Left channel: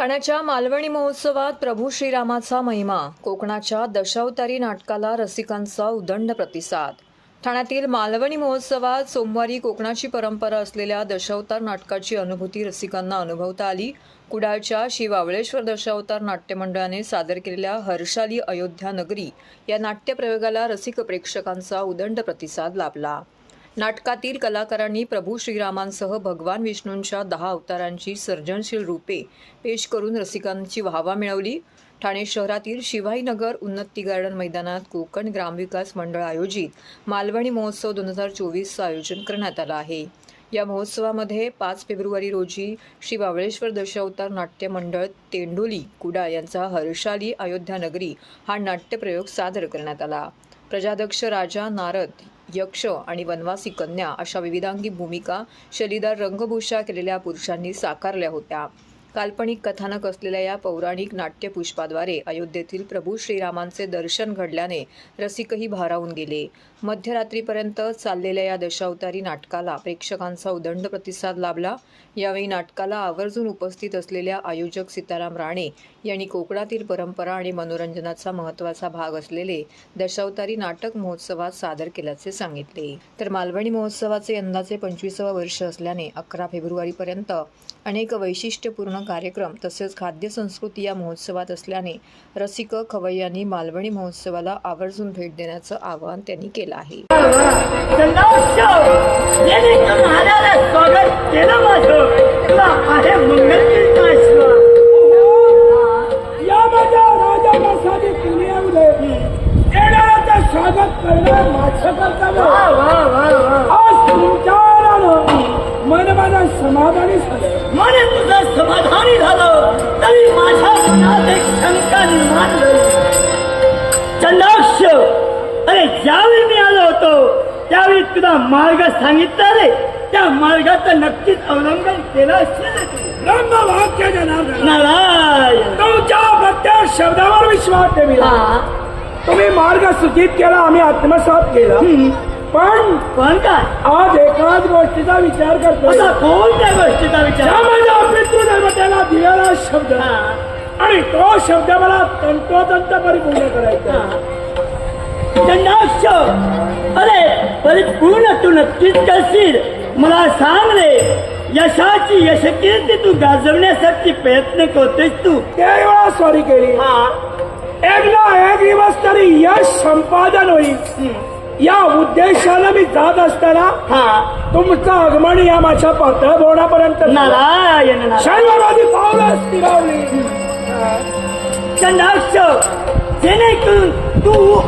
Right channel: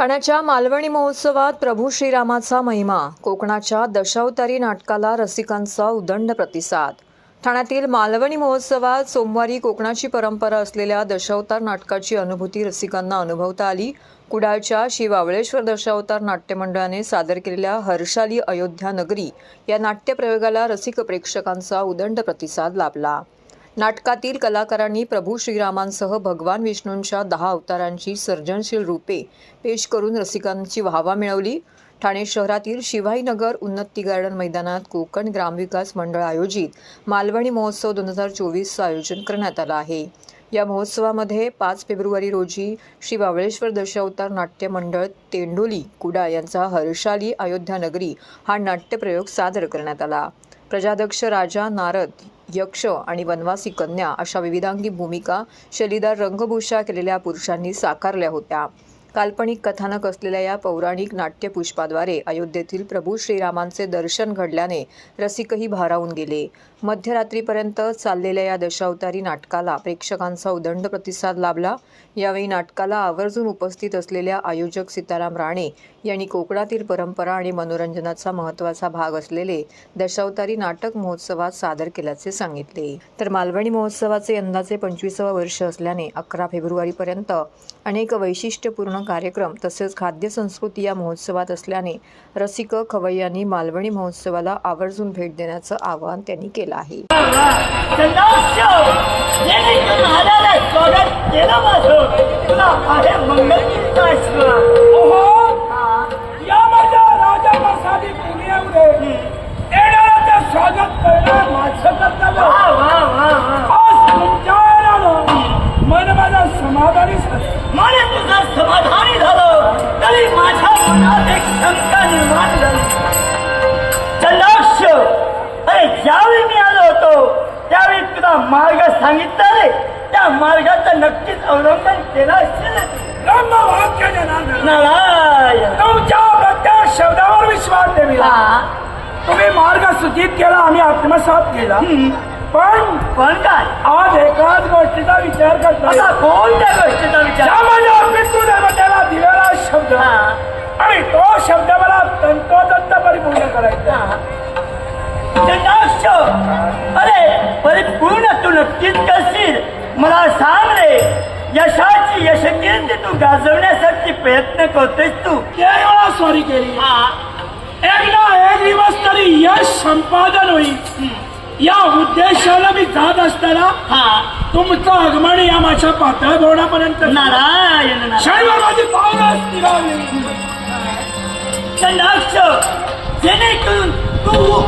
ठाण्याच्या मालवणी महोत्सवात प्रभू श्रीरामाचा महिमा. कोकणाच्या दशावतारी नाटकाला रसिकांचा उदंड प्रतिसाद. ठाण्यातील मालवणी महोत्सवात सोमवारी कोकणाची परंपरा असलेल्या दशावतार नाटकाची अनुभूती रसिकांना अनुभवता आली. कुडाळच्या श्री बावळेश्वर दशावतार नाट्य मंडळाने सादर केलेल्या हर्षाली अयोध्या नगरी या नाट्यप्रयोगाला रसिक प्रेक्षकांचा उदंड प्रतिसाद लाभला. नाटकातील कलाकारांनी प्रभू श्रीरामांसह भगवान विष्णूंच्या दहा अवतारांची सर्जनशील रूपे पेश करून रसिकांची वाहवा मिळवली. ठाणे शहरातील शिवाईनगर उन्नती गार्डन मैदानात कोकण ग्रामविकास मंडळ आयोजित मालवणी महोत्सव दोन हजार चोवीसचं आयोजन करण्यात आलं आहे. या महोत्सवामध्ये पाच फेब्रुवारी रोजी श्री बावळेश्वर दशावतार नाट्य मंडळ तेंडोली कुडाळ यांचा हर्षाली अयोध्या नगरी हा नाट्यप्रयोग सादर करण्यात आला. प्रजाध्यक्ष राजा नारद यक्ष आणि वनवासी कन्या अशा विविधांगी भूमिका शलीदार रंगभूषा केलेल्या पुरुषांनी साकारल्या होत्या. काल्पनिक कथानक असलेल्या या पौराणिक नाट्यपुष्पाद्वारे अयोध्येतील प्रभू श्रीरामांचे दर्शन घडल्याने रसिकही भारावून गेले. मध्यरात्रीपर्यंत चाललेल्या या दशावतारी नाटकाला प्रेक्षकांचा उदंड प्रतिसाद लाभला. यावेळी नाटकाला आवर्जून उपस्थित असलेल्या आयोजक सीताराम राणे यांनी कोकणातील परंपरा आणि मनोरंजनाचा महत्त्वाचा भाग असलेले दशावतारी नाटक महोत्सवात सादर केल्याचे सांगितले. तर मालवणी महोत्सवाचे यंदाचे पंचवीसावं वर्ष असल्याने अकरा फेब्रुवारीपर्यंत अनेक वैशिष्ट्यपूर्ण कार्यक्रम तसेच खाद्य संस्कृती या महोत्सवात असल्याने रसिक खवय्यांनी मालवणी महोत्सवाला आवर्जून भेट देण्याचं आवाहन त्यांनी केलं आहे. समाधानी त्यावेळी तुला मार्ग सांगितला रे त्या मार्गाचं नक्कीच अवलंबन केलं असेल. नारायण. तुमच्या शब्दावर विश्वास ठेवी हा. तुम्ही मार्ग सूचित केला आम्ही आत्मसात केला. हम्म. पण पण काय? आज एकाच गोष्टीचा विचार करतो आता कोण त्या गोष्टीचा विचार? ज्या माझ्या पितृदेवतेला दिलेला शब्द. हा. आणि तो शब्द मला तंतोतंत परिपूर्ण करायचा अरे परिपूर्ण तू नक्कीच करशील. मला सांग रे यशाची यशकीर्ती तू गाजवण्यासाठी प्रयत्न करतोस तू. तेव्हा स्वारी केली हा. एकदा एक दिवस तरी यश संपादन होईल. या उद्देशानं मी जात असताना हा. तुमचं आगमन या माझ्या पातळ भवनापर्यंत नारायण नारायण. शनिवारी पावलं असतील चंडाक्ष जेणेकरून तू